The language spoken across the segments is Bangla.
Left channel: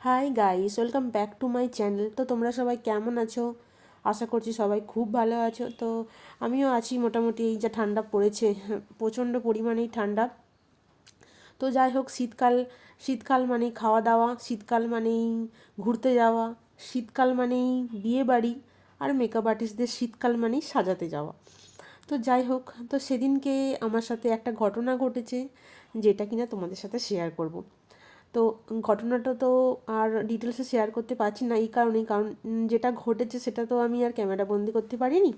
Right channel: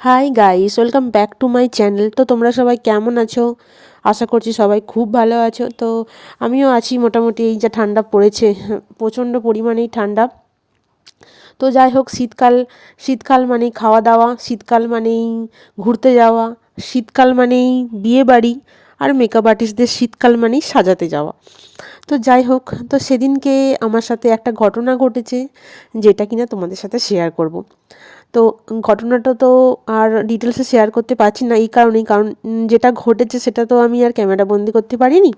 Hi guys, welcome back to my channel. তো তোমরা সবাই কেমন আছো? আশা করছি সবাই খুব ভালো আছো। তো আমিও আছি মোটামুটি। এই যা ঠান্ডা পড়েছে, প্রচণ্ড পরিমাণেই ঠান্ডা। তো যাই হোক, শীতকাল শীতকাল মানেই খাওয়া দাওয়া, শীতকাল মানেই ঘুরতে যাওয়া, শীতকাল মানেই বিয়ে বাড়ি, আর মেকআপ আর্টিস্টদের শীতকাল মানেই সাজাতে যাওয়া। তো যাই হোক, তো সেদিনকে আমার সাথে একটা ঘটনা ঘটেছে, যেটা কিনা তোমাদের সাথে শেয়ার করব। তো ঘটনাটা তো আর ডিটেলসে শেয়ার করতে পারছি না, এই কারণেই, কারণ যেটা ঘটেছে সেটা তো আমি আর ক্যামেরা বন্দি করতে পারিনি।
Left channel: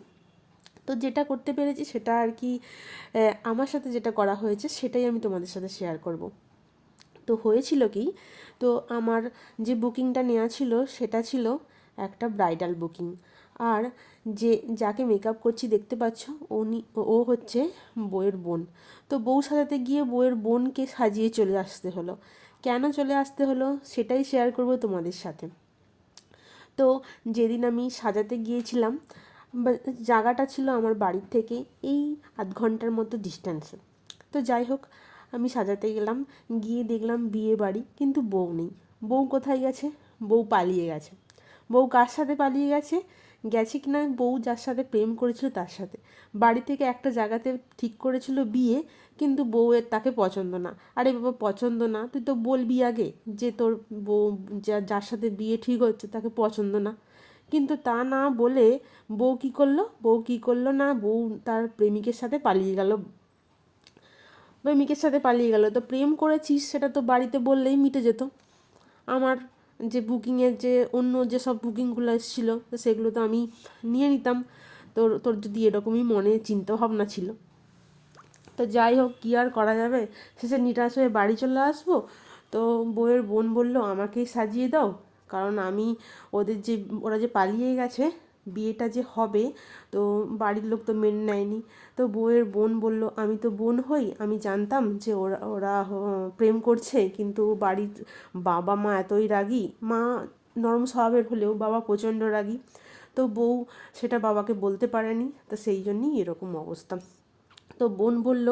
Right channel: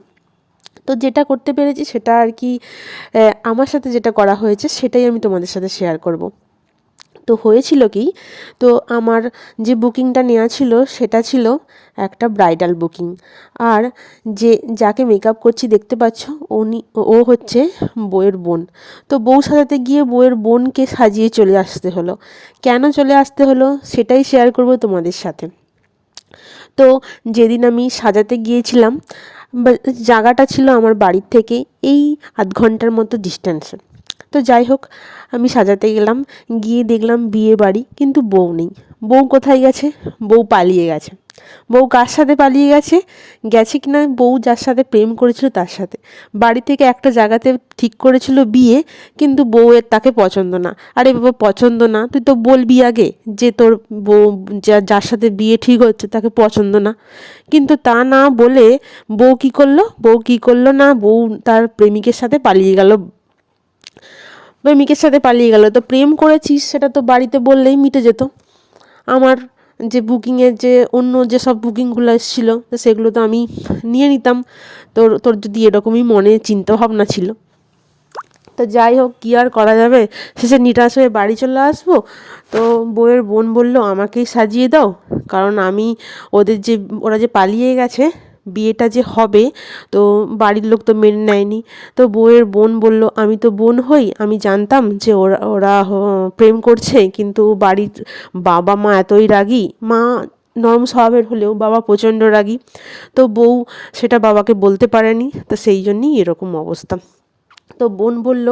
তো যেটা করতে পেরেছি সেটা আর কি, আমার সাথে যেটা করা হয়েছে সেটাই আমি তোমাদের সাথে শেয়ার করব। তো হয়েছিল কি, তো আমার যে বুকিংটা নেওয়া ছিল সেটা ছিল একটা ব্রাইডাল বুকিং। আর যে যাকে মেকআপ করছি দেখতে পাচ্ছ, ও হচ্ছে বউয়ের বোন। তো বউ সাজাতে গিয়ে বউয়ের বোনকে সাজিয়ে চলে আসতে হলো। কেন চলে আসতে হলো সেটাই শেয়ার করব তোমাদের সাথে। তো যেদিন আমি সাজাতে গিয়েছিলাম, জায়গাটা ছিল আমার বাড়ির থেকে এই আধ ঘন্টার মতো ডিস্টেন্সে। তো যাই হোক, আমি সাজাতে গেলাম, গিয়ে দেখলাম বিয়ে বাড়ি, কিন্তু বউ নেই। বউ কোথায় গেছে? বউ পালিয়ে গেছে। বউ কার সাথে পালিয়ে গেছে? গেছে কিনা বউ যার সাথে প্রেম করেছিল তার সাথে। বাড়ি থেকে একটা জায়গাতে ঠিক করেছিল বিয়ে, কিন্তু বউয়ের তাকে পছন্দ না। আরে বাবা, পছন্দ না তুই তো বলবি আগে যে তোর বউ, যার সাথে বিয়ে ঠিক হচ্ছে তাকে পছন্দ না। কিন্তু তা না বলে বউ কি করলো না, বউ তার প্রেমিকের সাথে পালিয়ে গেল। তো প্রেম করেছিস সেটা তো বাড়িতে বললেই মিটে যেত। আমার যে বুকিংয়ের যে অন্য যেসব বুকিংগুলো এসেছিলো, তো সেগুলো তো আমি নিয়ে নিতাম। তোর তোর যদি এরকমই মনে চিন্তা ভাবনা ছিল, তো যাই হোক, কী আর করা যাবে, শেষে নিরাশ হয়ে বাড়ি চলে আসবো। তো বউয়ের বোন বলল আমাকেই সাজিয়ে দাও, কারণ আমি ওরা যে পালিয়ে গেছে, বিয়েটা যে হবে, তো বাড়ির লোক তো মেনে নেয়নি। তো বউয়ের বোন বলল আমি তো বোন হই, আমি জানতাম যে ওরা ওরা প্রেম করছে, কিন্তু বাড়ির বাবা মা এতই রাগী, মা নরম স্বভাবের হলেও বাবা প্রচণ্ড রাগী। তো বউ সেটা বাবাকে বলতে পারেনি, তো সেই জন্যই এরকম অবস্থা। তো বোন বলল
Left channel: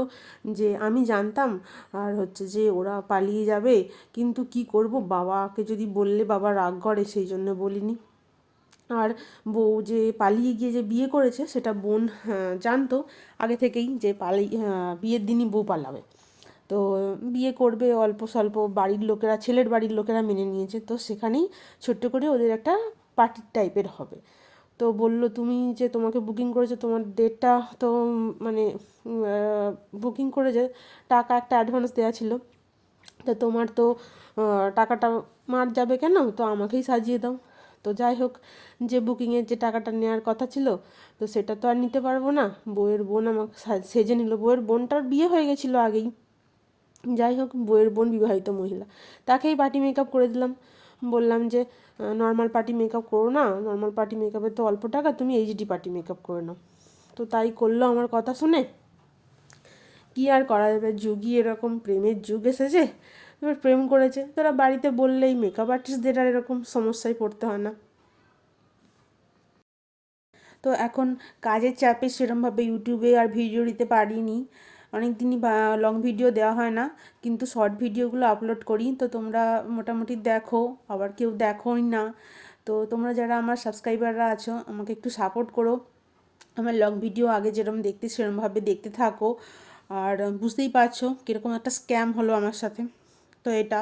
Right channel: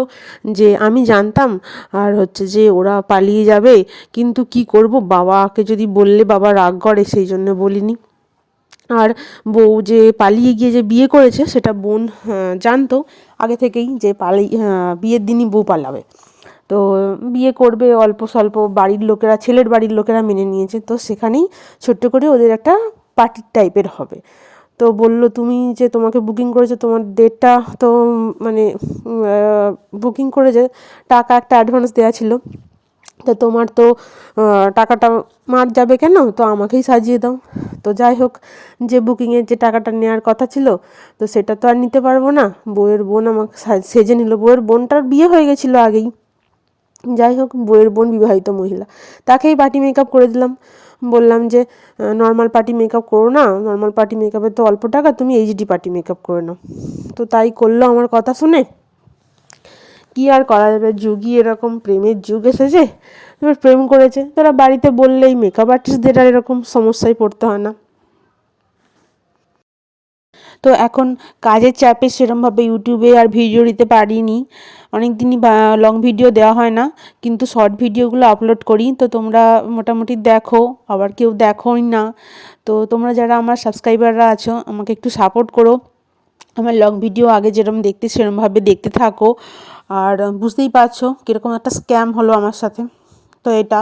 যে আমি জানতাম, আর হচ্ছে যে ওরা পালিয়ে যাবে, কিন্তু কি করব, বাবাকে যদি বললে বাবা রাগ করে, সেই জন্য বলিনি। আর বউ যে পালিয়ে গিয়ে যে বিয়ে করেছে সেটা বোন জানতো আগে থেকেই, যে বিয়ের দিনই বউ পালাবে। তো বিয়ে করবে অল্প স্বল্প, বাড়ির লোকেরা, ছেলের বাড়ির লোকেরা মেনে নিয়েছে। তো সেখানেই ছোট্ট করে ওদের একটা পার্টি টাইপের হবে। তো বলল তুমি যে তোমাকে বুকিং করেছে, তোমার ডেটটা তো মানে বুকিং করেছে, টাকা একটা অ্যাডভান্স দেওয়া ছিল, তো তোমার তো টাকাটা মার যাবে কেন, তো আমাকেই সাজিয়ে দাও। তো যাই হোক, যে বুকিংয়ের যে টাকাটা নেওয়ার কথা ছিল, তো সেটা তো আর নিতে পারবো না। বউয়ের বোন আমাকে সেজে নিল। বউয়ের বোনটার বিয়ে হয়ে গেছিলো আগেই। যাই হোক, বউয়ের বোন বিবাহিত মহিলা, তাকেই পার্টি মেকআপ করে দিলাম। বললাম যে নর্মাল পার্টি মেকআপ করো না, নর্মাল পার্টি মেকআপে তো অল্প টাকা, তুমি এইচডি পার্টি মেকআপ করে নাও। তো তাই করলো আমার কথা শুনে। কি আর করা যাবে, যুগই এরকম, প্রেমের যুগ এসেছে। এবার প্রেম করেছে, তোরা বাড়িতে বললেই মেকআপ আর্টিস্টদের আর এরকম সমস্যায় পড়তে হয় না। তো এখন কাজের চাপে সেরমভাবে ইউটিউবে আর ভিডিও দিতে পারিনি, অনেক দিনই লং ভিডিও দেওয়া হয় না, কিন্তু শর্ট ভিডিওগুলো আপলোড করি। তো তোমরা মোটামুটি দেখো, আবার কেউ দেখোই না। তো তোমরা যারা আমার সাবস্ক্রাইবাররা আছো, আমাকে একটু সাপোর্ট করো। আমার লং ভিডিও আগে যেরকম দেখতে সেরমভাবে দেখতে থাকো। আর বুঝতেই পারছো কীরকম একটা স্ক্যাম হলো আমার সাথে। তো এটা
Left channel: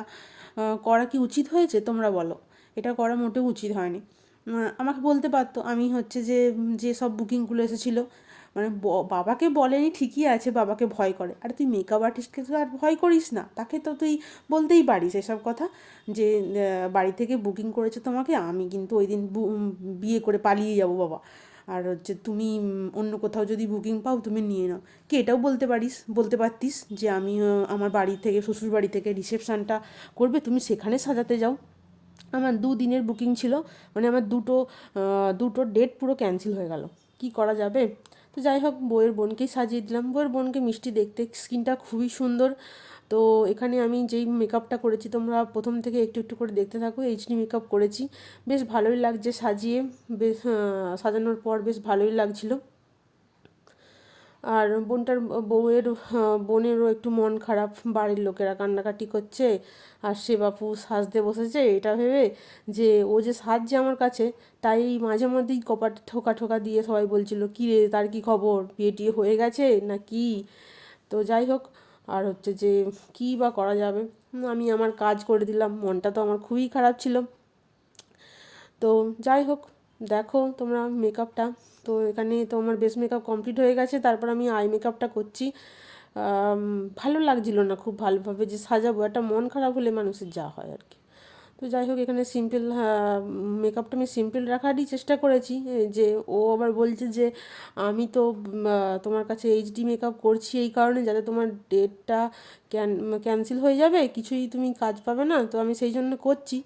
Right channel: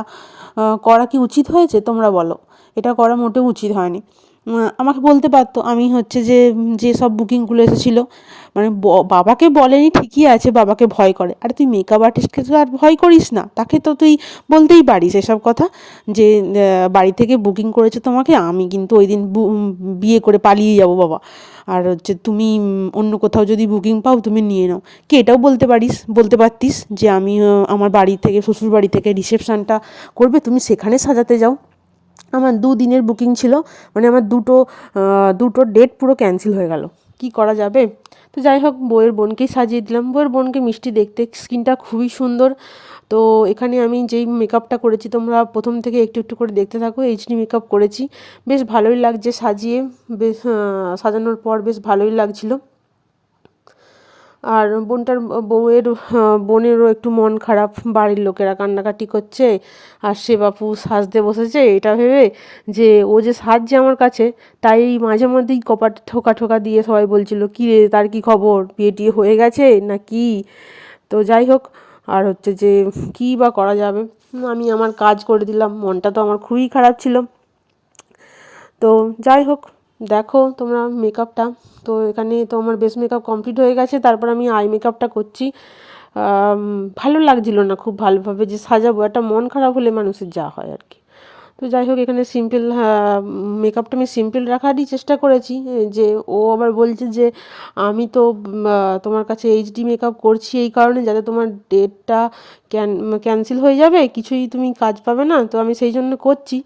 করা কি উচিত হয়েছে তোমরা বলো? এটা করা মোটেও উচিত হয়নি। আমাকে বলতে পারতো, আমি হচ্ছে যে সব বুকিংগুলো এসেছিলো, মানে বাবাকে বলেনি ঠিকই আছে, বাবাকে ভয় করে। আরে তুই মেকআপ আর্টিস্টকে তো আর ভয় করিস না, তাকে তো তুই বলতেই পারিস এসব কথা, যে বাড়ি থেকে বুকিং করেছে তোমাকে, আমি কিন্তু ওই দিন বিয়ে করে পালিয়ে যাব বাবা, আর হচ্ছে তুমি অন্য কোথাও যদি বুকিং পাও তুমি নিয়ে নাও। কি এটাও বলতে পারতিস যে আমি আমার বাড়ি থেকে, শ্বশুর বাড়ি থেকে রিসেপশানটা করবে, তুমি সেখানে সাজাতে যাও। আমার 2 দিনের বুকিং ছিল, মানে আমার দুটো ডেট পুরো ক্যান্সেল হয়ে গেল। কি করা যাবে? তো যাই হোক, বউয়ের বোনকেই সাজিয়ে দিলাম। বউয়ের বোনকে মিষ্টি দেখতে, স্কিনটা খুবই সুন্দর। তো এখানে আমি যেই মেকআপটা করেছি, তোমরা প্রথম থেকে একটু একটু করে দেখতে থাকো। এইচডি মেকআপ করেছি, বেশ ভালোই লাগছে সাজিয়ে, বেশ সাজানোর পর বেশ ভালোই লাগছিলো। আর বোনেরও একটু মন খারাপ, বাড়ির লোকেরা কান্নাকাটি করছে আর সে বাপু সাজতে বসেছে এটা ভেবে যে ও যে সাজছে আমার কাছে, তাই মাঝে মধ্যেই কপাট ঠোকা ঠোকা দিয়ে সবাই বলছিল কী রে তার কি খবর, বিয়ে টিয়ে হয়ে গেছে না কি। তো যাই হোক, আর হচ্ছে যে কী বা করা যাবে, আমি আমার কাজ করে দিলাম, মনটা তো আমার খুবই খারাপ ছিল। তো যাই হোক, দেখো তোমরা মেকআপটা, তো এখানে তো আমার বেস মেকআপ কমপ্লিট হয়ে গেছে, তারপর আমি আই মেকআপটা করছি। ভালো লাগছিল না খুব ভালোভাবে যে সাজাবো, একটা মন খারাপ হলে মানুষের যা হয় আর কি। তো যাই হোক, এখানে সিম্পল মেকআপটা আমি সিম্পল রাখারই চেষ্টা করেছি, যে ও আবার বলছে যে আমি তো তোমার কাছে এইচডি মেকআপ করছি এই কারণে যাতে তোমার ডেটটা ক্যান্সেল হয়ে যাবে, কিছুই তুমি কাজ পাবে না, তো আমি সেই জন্য করছি।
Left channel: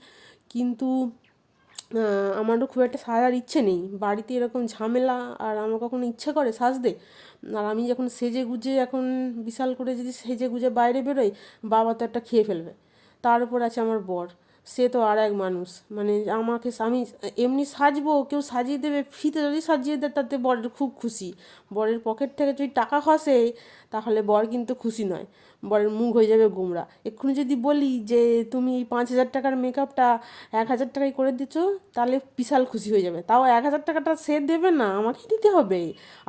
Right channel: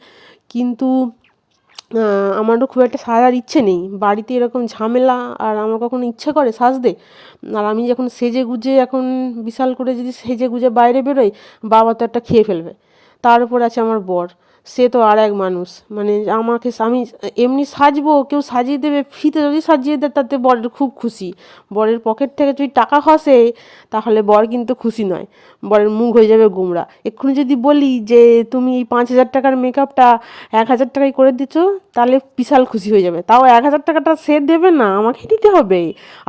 কিন্তু আমারও খুব একটা সাজার ইচ্ছে নেই, বাড়িতে এরকম ঝামেলা, আর আমার কখনো ইচ্ছে করে সাজতে। আর আমি যখন সেজে গুজে এখন বিশাল করে যদি সেজে গুজে বাইরে বেরোই, বাবা তো একটা খেয়ে ফেলবে। তার উপর আছে আমার বর, সে তো আর এক মানুষ, মানে আমি এমনি সাজবো, কেউ সাজিয়ে দেবে, ফ্রিতে যদি সাজিয়ে দেয় তাতে বরের খুব খুশি। বরের পকেট থেকে যদি টাকা খসে তাহলে বর কিন্তু খুশি নয়, বরের মুখ হয়ে যাবে গোমড়া। এক্ষুনি যদি বলি যে তুমি এই 5,000 টাকার মেকআপটা 1,000 টাকায় করে দিচ্ছো, তাহলে বিশাল খুশি হয়ে যাবে, তাও 1,000 টাকাটা সে দেবে না, আমাকে দিতে হবে।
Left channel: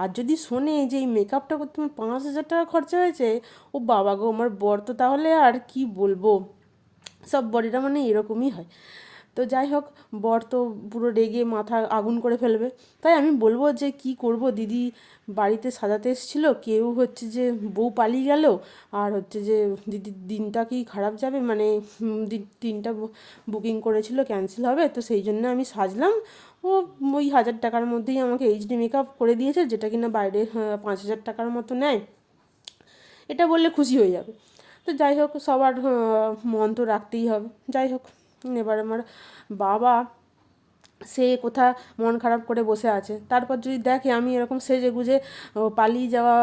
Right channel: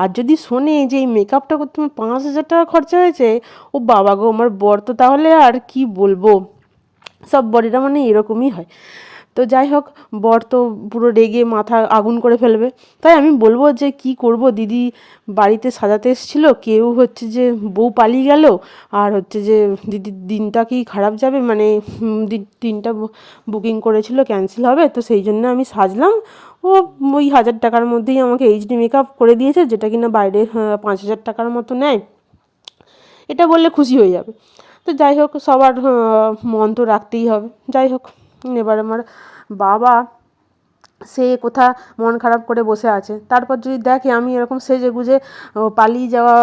আর যদি শোনে যে এই মেকআপটা করতে আমার 5,000 টাকা খরচা হয়েছে, ও বাবা গো, আমার বর তো তাহলে আর কি বলবো, সব বরেরা মানে এরকমই হয়। তো যাই হোক, বর তো পুরো রেগে মাথা আগুন করে ফেলবে। তাই আমি বলবো যে কি করব, দিদি বাড়িতে সাজাতে এসেছিলো, কেউ হচ্ছে যে বউ পালিয়ে গেল, আর হচ্ছে যে দিদির দিনটা কি খারাপ যাবে, মানে দিনটা বুকিং করেছিল ক্যান্সেল হবে, তো সেই জন্য আমি সাজলাম। ও ওই 1,000 টাকার মধ্যেই আমাকে এইচডি মেকআপ করে দিয়েছে, যেটা কিনা বাইরে 5,000 টাকার মতো নেয়, এটা বললে খুশি হয়ে যাবে। তো যাই হোক, সবার মন তো রাখতেই হবে। যাই হোক, এবার আমার বাবা সে কোথা মন খারাপ করে বসে আছে, তারপর যদি দেখে আমি এরকম সেজে গুজে পালিয়ে যাওয়া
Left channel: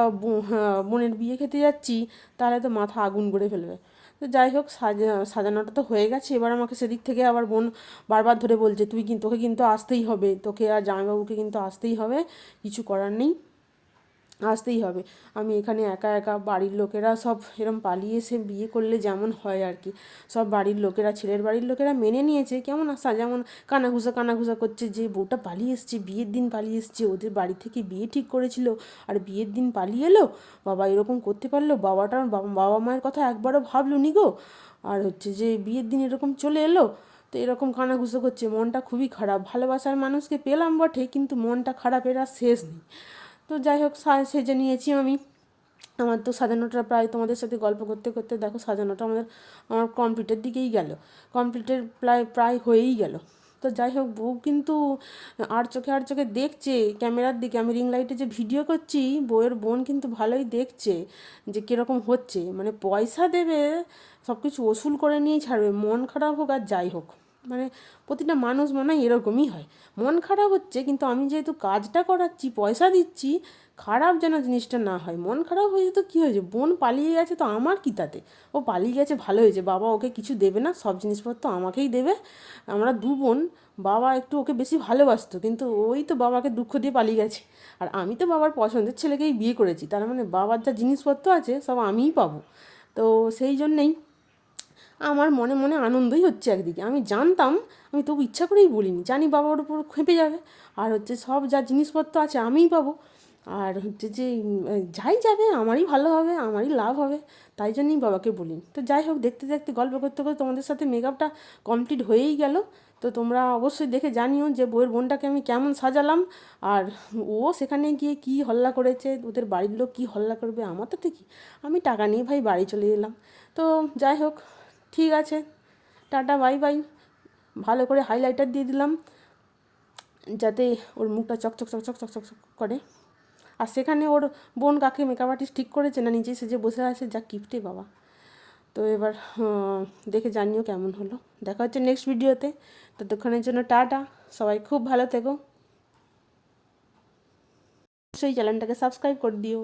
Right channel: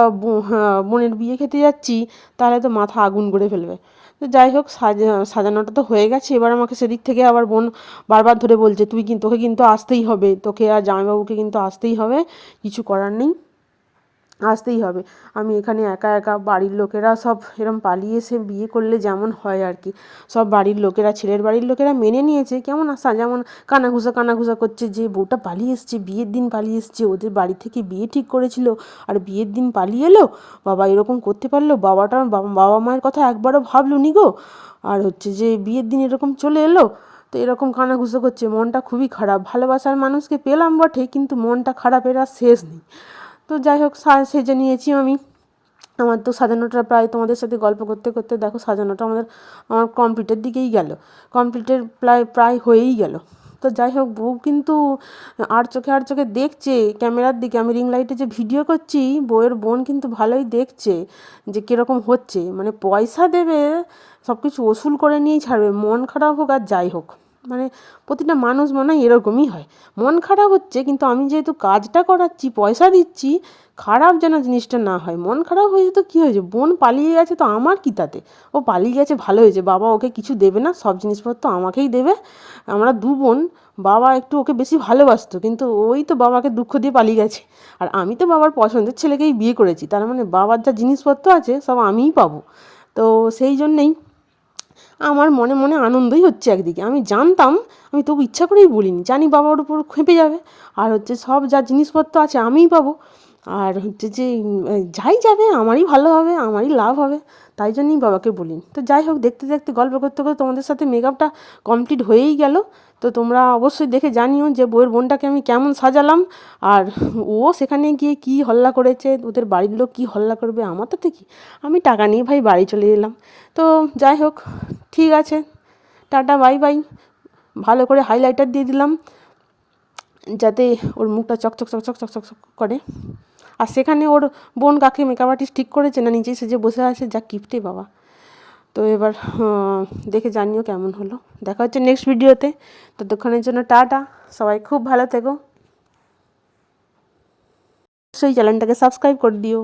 বোনের বিয়ে খেতে যাচ্ছি, তাহলে তো মাথা আগুন করে ফেলবে। তো যাই হোক, সাজানোটা তো হয়ে গেছে, এবার আমাকে সেদিক থেকে আবার বোন বারবার ধরে বলছে তোকে কিন্তু আসতেই হবে, তোকে আর জামাইবাবুকে কিন্তু আসতেই হবে, কিছু করার নেই, আসতেই হবে। আমি এখানে একা একা, বাড়ির লোকেরা সব এরম পালিয়ে এসে বিয়ে করলে যেমন হয় আর কি, সব বাড়ির লোকেরা, ছেলের বাড়ির লোকেরা মেনে নিয়েছে, কেমন আসা যেমন কানাঘুষা করছে যে বউটা পালিয়ে এসছে, বিয়ের দিন পালিয়ে এসছে, ওদের বাড়ি থেকে বিয়ে ঠিক করেছিল আর বিয়ের দিন পালিয়ে এলো, বাবা এরকম করতে পারলো, বাবা মায়ের কথা একবারও ভাবলো নি গো, আর হচ্ছে যে বিয়ের দিন এরকম চলে এলো। তো এরকম কানাঘুষো করছে, মনটা খুবই খারাপ, ভালোবাসার মানুষকে পেলাম বটে, কিন্তু মনটা খারাপের আর শেষ নেই। তো যাই হোক, সেজে নিয়েছি আমি। আমার তো সাজানোটা প্রায়, তোমাদের সাথে গল্প করতে করতে দেখো সাজানোটা আমার কমপ্লিটের দিকেই গেল, কমপ্লিটের প্রায় হয়েই গেল। তো যাই হোক, বউ কিন্তু আর চোখে দেখছে ক্যামেরার দিকে, আমি রিং লাইটে যে ভিডিও করছি, বউয়ের বোন কিন্তু ভালোই দেখছে যে কীরকম হচ্ছে, মানে পয়সা দেবে, সব কিছু ওসুল করে নিয়েই ছাড়বে, মন খারাপ হোক আর যাই হোক, মানে প্রতিটা মানুষ মনে হয় এরকমই হয়, মন খারাপ হচ্ছে কিন্তু আমি যেহেতু কাজটা করাচ্ছি, পয়সা দিচ্ছি, খারাপ যেন জিনিসটা না হয়। মন খারাপ হয়েছে তো কী হয়েছে, বোন পালিয়ে গেছে তো আমার কী তাতে, ও পালিয়ে গেছে ভালো হয়েছে, বাবা ওকে কিছু দেবে না, সব জিনিসপত্র আমাকেই দেবে, আমরা দু বোন, বাবা একটু ওকে বেশি ভালোবাসতো, কিন্তু ওই তো বাবাকে দুঃখ দিয়ে পালিয়ে গেছে, আর আমি তো বাবার পছন্দের ছেলেকেই বিয়ে করেছি, তার মানে বাবার যা জিনিসপত্র আছে সব আমিই পাবো। তো সেই জন্যেই আমার মনে মনে আনন্দই হচ্ছে একদিকে, আমি জানতাম, আমি তবু ইচ্ছা করেই বলিনি, জানি বাবার উপর খেপে যাবে, আর হচ্ছে সব যা জিনিসপত্র আছে আমিই পাবো, আর হচ্ছে যে যাই যাবে আমারই ভালো হবে, আমারই লাভ হবে, তাই জন্যই বাবাকে বলিনি। তো যাই হোক, দেখতে দেখতে গল্প করতে করতে তোমাদের সাথে মেকআপটা কমপ্লিট হয়েই গেল। তো তোমরা অবশ্যই দেখে জানিও যে বউয়ের বোনটাকে আমি কেমন সাজালাম, আর ও সেখানে গিয়ে কী হল্লা করেছে, ওদের বাড়ির লোক কী হল্লা করবে, আমার তাতে কি, আমি টাকা নিয়ে ভাই বাড়ি চলে এলাম। তো যাই হোক, ঠিক আছে, টাটা বাই বাই। ভালো করে হাইলাইটার দিয়ে দিলাম যাতে ওর মুখটা চকচক করে। আর সেখানে ওর বোন কাকে মেকআপ আর্টিস্ট ঠিক করেছে না নিজেই সেজে বসে আছে, যা কিপটে বাবা। তো এবার দেখে জানিও কেমন হলো, দেখা হচ্ছে নেক্সট ভিডিওতে, ততক্ষণের জন্য টাটা, সবাই খুব ভালো থেকো, অবশ্যই চ্যানেলটাকে সাবস্ক্রাইব করে দিও।